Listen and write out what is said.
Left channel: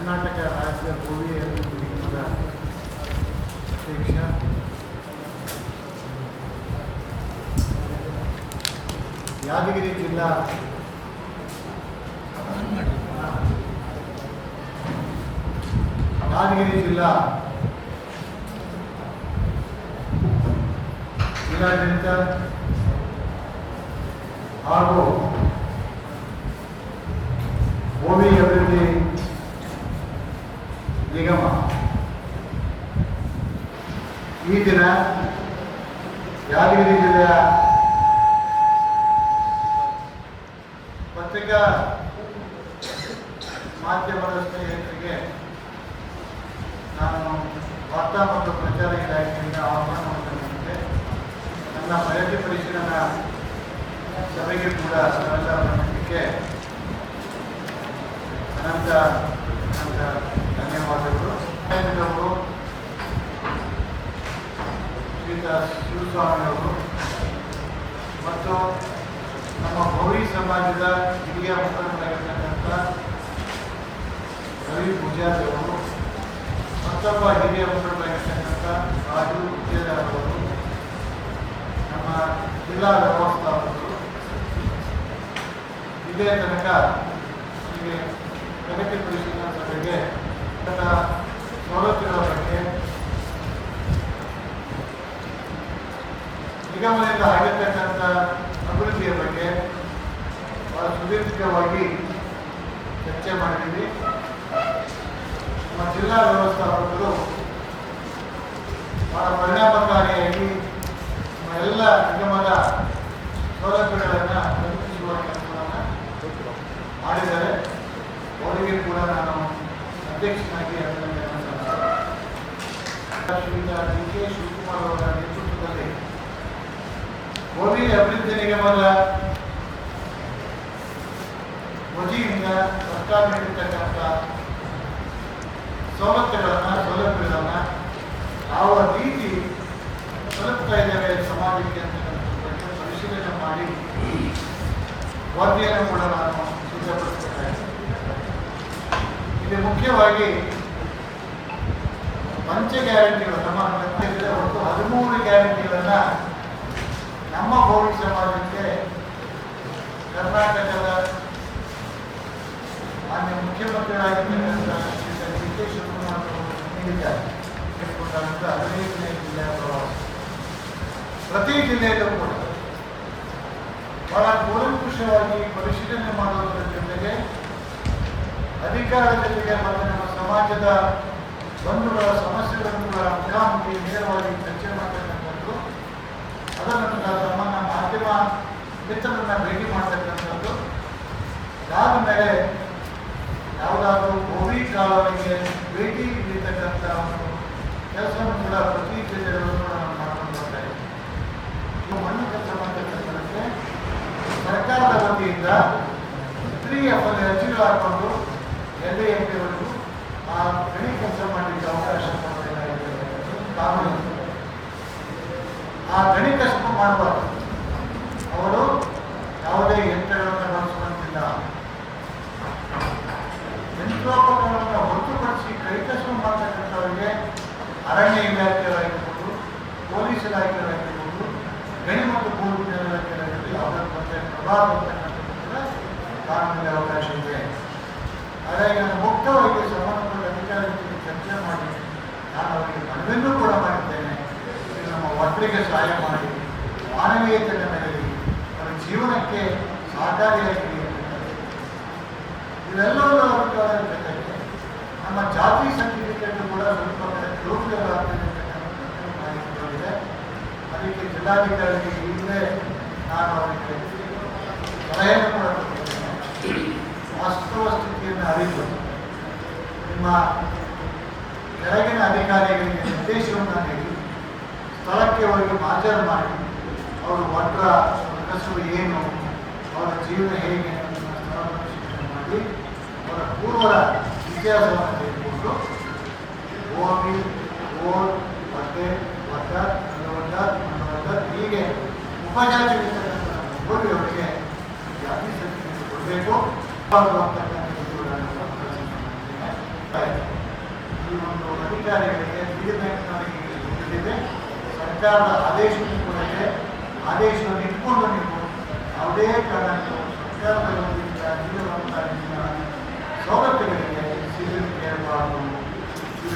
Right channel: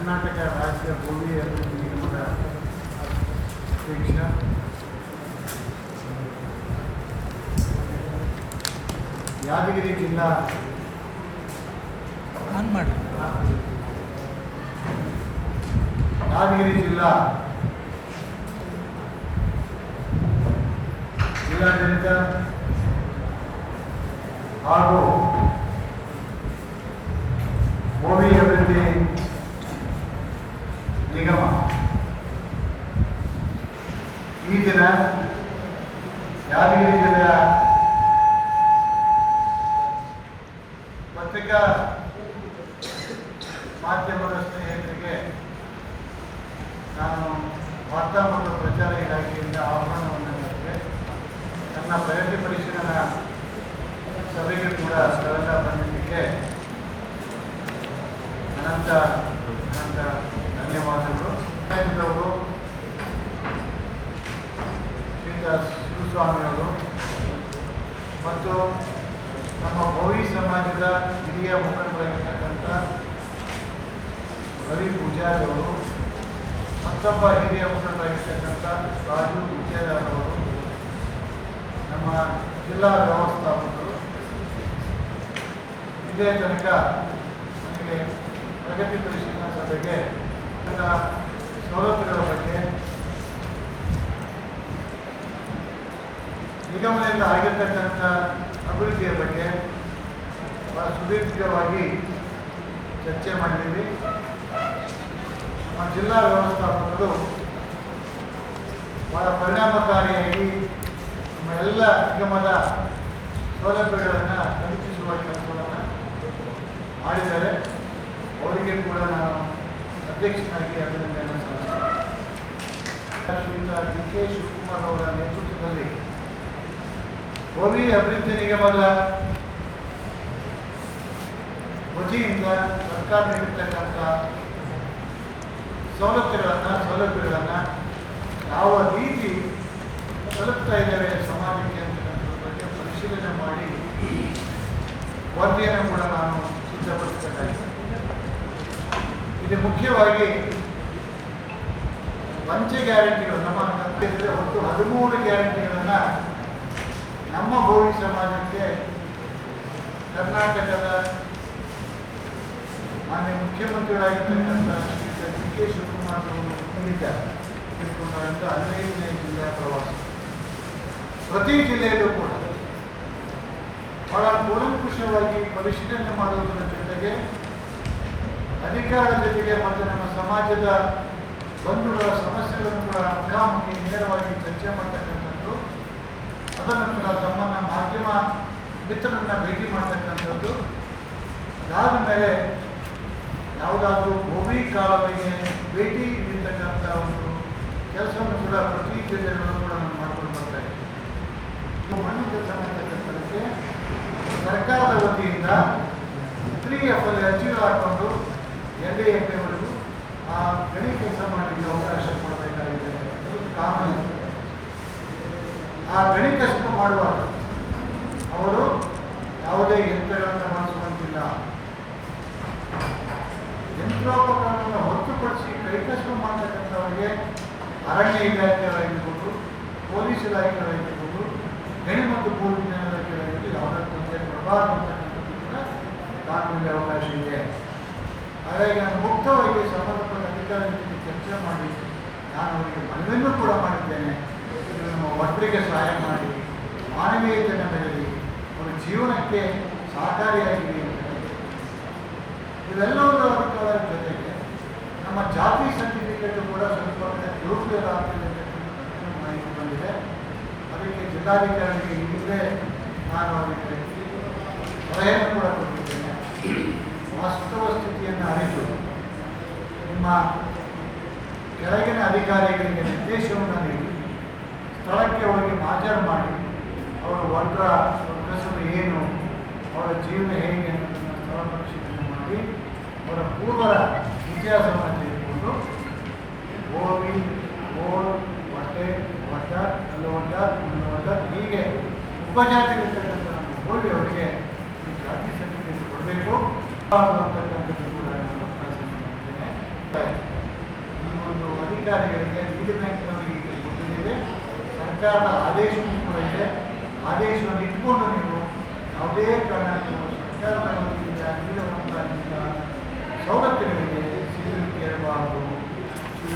ಕರ್ನಾಟಕ ರಾಜ್ಯ ಭೂಮಿ ಅಭಿವೃದ್ಧಿ ನಿಗಮದ ಅಧ್ಯಕ್ಷ, ಯಾದಗಿರಿ ಜಿಲ್ಲಾ ಜಿಲ್ಲಾಡಳಿತ ಹಾಗೂ ಭೂಮಿ ಅಭಿವೃದ್ಧಿ ನಿಗಮ ಈ ದಿನ ಯಾದಗಿರಿ ಜಿಲ್ಲೆಯ ಪತ್ರಿಕಾ ಮಾಧ್ಯಮದ ಸ್ನೇಹಿತರಿಗೆ ನಾನು ವಾರ್ತಾ ಮತ್ತು ಪ್ರಚಾರ ಇಲಾಖೆಯಿಂದ ಆಹ್ವಾನವನ್ನು ಮಾಡಿದೆ. ನನ್ನ ಪ್ರಗತಿ ಪರಿಶೀಲನಾ ಸಭೆಗೆ ಕೂಡ ಸಹಕಾರಕ್ಕೆ ಅನಂತ ಧನ್ಯವಾದಗಳು. ಶ್ರೀಯುತ ಶಿವಸ್ವಾಮಿ ಅವರು ಮತ್ತು ನಮ್ಮ ಭವಿ ಸಮಾಜದ ಹಿರಿಯ ಮುಖಂಡರಾಗಿರ್ತಕ್ಕಂಥ ರವಿ ಪೂಜಾರಿ ಅವರು, ಮತ್ತೊಬ್ಬ ಹಿರಿಯ ಮುಖಂಡರಾಗಿರ್ತಕ್ಕಂಥ ರಾಜು ವಿಜಯದಾರ್ ಅವರು, ನಮ್ಮ ಜಿಲ್ಲಾ ವ್ಯವಸ್ಥಾಪಕರು, ಇದೇ ತನಕ ನಮಗೆ ಪ್ರಗತಿ ಪರಿಶೀಲನಾ ಸಭೆಗೆ ನನ್ನ ಸವಲತ್ತುಗಳ ಬಗ್ಗೆ, ನಿಗಮದಿಂದ ಆಗಿರ್ತಕ್ಕಂಥ ಅಭಿವೃದ್ಧಿಯ ಬಗ್ಗೆ ಬಹಳ ಸುದೀರ್ಘವಾಗಿ ಚರ್ಚೆ ಮಾಡಿದ್ದೀವಿ. ನಮ್ಮ ಜಿಲ್ಲಾ ವ್ಯವಸ್ಥಾಪಕರು ಬಹಳ ಪರಿಣಾಮಕಾರಿಯಾಗಿ ನಮ್ಮ ಎಲ್ಲ ನಿಗಮದ ಸೌಲಭ್ಯಗಳನ್ನು ತಲುಪಿಸುವ ಕೆಲಸವನ್ನು ಮಾಡಿದ್ದಾರೆ. ಅವರಿಗೆ ಕೂಡ ನಾನು ಅಧ್ಯಕ್ಷನಾಗಿ ಅಭಿನಂದನೆಯನ್ನು ಸಲ್ಲಿಸುತ್ತೇನೆ. ಶ್ರೀಯುತ ಡಿ ಕೆ ಶಿವಕುಮಾರ್ ಅವರ ನೇತೃತ್ವದಲ್ಲಿ ಭೂಮಿ ಅಭಿವೃದ್ಧಿ ನಿಗಮದ ವತಿಯಿಂದ ಸರ್ಕಾರ ನೀಡಿರ್ತಕ್ಕಂಥ ಸೌಲಭ್ಯಗಳನ್ನು ಯಾವ ರೀತಿ ತಲುಪ್ತಾ ಇದ್ದೇವೆ ಸಮಾಜಕ್ಕೆ ಅಂತಕ್ಕಂಥ ಬಗ್ಗೆ ಪರಿಶೀಲನೆ ಮಾಡಿ ವರದಿಯನ್ನು ಕೂಡ ನಾನು ಸಿದ್ಧಪಡಿಸ್ತೇನೆ. ಇದು ಮುಖ್ಯವಾಗಿ ಪಂಚ ಗ್ಯಾರಂಟಿಗಳು, ನಮ್ಮ ಒಟ್ಟು 13 ಗ್ಯಾರಂಟಿಗಳನ್ನು ನಮ್ಮ ಭೂಮಿ ಸಮಾಜಕ್ಕೆ ಕರ್ನಾಟಕದ ಮಾನ್ಯ ಮುಖ್ಯಮಂತ್ರಿಗಳಾಗಿರ್ತಕ್ಕಂಥ ಡಿ ಕೆ ಶಿವಕುಮಾರ್ ಅವರು ನೀಡಿದ್ದಾರೆ. 15ನೇ ಜಿಲ್ಲೆಯ ಪ್ರವಾಸ, ಪ್ರತಿ ಜಿಲ್ಲೆಯಲ್ಲೂ ಕೂಡ ಬಹಳ ಕೂಲಂಕುಷವಾಗಿ ಪರಿಶೀಲನೆ ಮಾಡುವುದರ ಜೊತೆಗೆ ಅಧಿಕಾರದ ಜೊತೆಗೆ ಮತ್ತು ನಮ್ಮ ಸಮಾಜದ ಬಂಧುಗಳ ಸಮಸ್ಯೆಗಳನ್ನು ಕೂಡ ಮುಖಾಮುಖಿ ನೇರವಾಗಿ ಚರ್ಚೆ ಮಾಡತಕ್ಕಂಥದ್ದು, ಅದರ ನಂತರ ತಮ್ಮನ್ನ ಮಾಧ್ಯಮ ಮಿತ್ರರನ್ನ ಭೇಟಿ ಮಾಡತಕ್ಕಂಥದ್ದು, ಅದಾದ ಮೇಲೆ ಯಾವುದಾದ್ರೂ ಭೂಮಿ ಕಾಲುವೆಗೆ ಭೇಟಿ ನೀಡತಕ್ಕಂಥ ಒಂದು ಕೆಲಸವನ್ನು ಕೂಡ ಪ್ರತಿ ಜಿಲ್ಲೆಯಲ್ಲೂ ಕೂಡ ನಾವು ಮಾಡ್ಕೊಂಡು ಬರ್ತಾ ಇದ್ದೀವಿ. ಈ ಮಣ್ಣಿಗೆ ಸಂಬಂಧಪಟ್ಟಂತೆ ಸರ್ಕಾರದ ವತಿಯಿಂದ 3FL ಅರ್ಜಿಗಳು ಹಾಕೊಂಡು NDAವರೆಗೂ ಆ ಗಣಿ ಕೆಲಸ ಮಾಡಲಿಕ್ಕೆ ಅವಕಾಶ ಕಾನೂನು. ಆ ಗಣಿ ಕಷ್ಟ ಮಾಡುವಾಗ ಅವರು ಯಾವುದೇ ಯಂತ್ರಗಳನ್ನು ಬಳಸುವಂತಿಲ್ಲ. ಯಂತ್ರೋಪಕರಣವನ್ನು ಹೊರತುಪಡಿಸಿ ಕೈಕಸಬು ಮಾಡತಕ್ಕಂಥವರಿಗೆ ಅರಣ್ಯ ಇಲಾಖೆಯವರಾಗಿರ್ಬೋದು, ಪೊಲೀಸ್ ಇಲಾಖೆಯವರಾಗಿರ್ಬೋದು, ಗಣಿ ಮತ್ತು ಭೂ ವಿಜ್ಞಾನ ಇಲಾಖೆಯವರಾಗಿರ್ಬೋದು, ಯಾವುದೇ ತೊಂದರೆ ಪ್ರಭಾವ ಅಂತಕ್ಕಂಥದ್ದು ಕೂಡ ಕಾನೂನಿಗೆ ಅವಕಾಶ ಇದೆ. ಹಾಗಾಗಿ ನಾನು ಮುಕ್ತವಾಗಿ ಸಂಬಂಧಪಟ್ಟ ಅಧಿಕಾರಿಗಳಿಗೆ ಚರ್ಚೆ ಮಾಡಿ ನಾನು ಅವರಿಗೆ ಮನವಿಯನ್ನು ಕೂಡ ಮಾಡಿದ್ದೇನೆ. ನಮ್ಮ ಮಕ್ಕಳಿಗೆ ಸಹಾಯ ಮಾಡಿ, ಮಾನವೀಯತೆಯನ್ನು ಮೆರೆದಿ, ಅವರ ಜೀವನಕ್ಕೆ ಸಹಕಾರಿಯಾಗಿ ಇವೆಲ್ಲವೂ ಅವರ ಜೊತೆಗೆ ನಮ್ಮ ಜಾತಿ ಸರ್ಟಿಫಿಕೇಟ್ ಕೂಡ ಸ್ವಲ್ಪ ಯೋಗ್ಯವಾಗ್ತದೆ ಮಾಹಿತಿ ಬಂದಿದೆ. ಅದಕ್ಕೆ ಜಿಲ್ಲಾಧಿಕಾರಿಗೆ ಈಗಲೇ ನಾನು ಅವರಿಗೆ ಸಲಹೆಯನ್ನು ಕೂಡ ಕೊಟ್ಟಿದ್ದೇನೆ. ವಾಸ್ತವ ಸ್ಥಿತಿಯನ್ನು ಅರಿತು ನಿಮ್ಮ ಕೆಳಗಿನ ಅಧಿಕಾರಿಗಳಿಗೆ ನಿರ್ದೇಶನವನ್ನು ನೀಡಿ ಸ್ಥಳಕ್ಕೆ ಹೋಗಿ ಮಾಜರು ಮಾಡಿ ಅವರು ವರ್ಗ ಕನಸು ಏನು, ಅವರ ಜೀವನ ಹೇಗೆ ಅಂತ ಸ್ಥಳವನ್ನು ಶಿಕ್ಷಣ ಮಾಡಿ ಅವರ ಪೂರ್ವದ ಇತಿಹಾಸವನ್ನು ತೆಗೆದುಕೊಂಡು ಗೋಬಿ, ಗೋಲ್, ಬಟ್ಟೆ, ವಡ್ಡ, ಅಲ್ಲವಡ್ಡ, ಇನ್ನವಡ್ಡ ಹೀಗೆ ಉಪಜಾತಿ ಹೋಗಿ ಅವರಿಗೆ ಜಾತಿ ಸರ್ಟಿಫಿಕೇಟ್ ಕೊಡಬೇಕು. ಬೀದಿ ಬ್ಯಾಂಕ್ನವರಿಗೆ ಗೊತ್ತಿದೆ. ಸರ್ಕಾರದ ಆದೇಶವೂ ಕೂಡ ಇದೆ. ಆದೇಶವನ್ನು ಇಟ್ಕೊಂಡು ನೀವು ಯಾವುದೇ ಕಾರಣಕ್ಕೂ ಸರ್ಕಾರದ ವತಿಯಿಂದ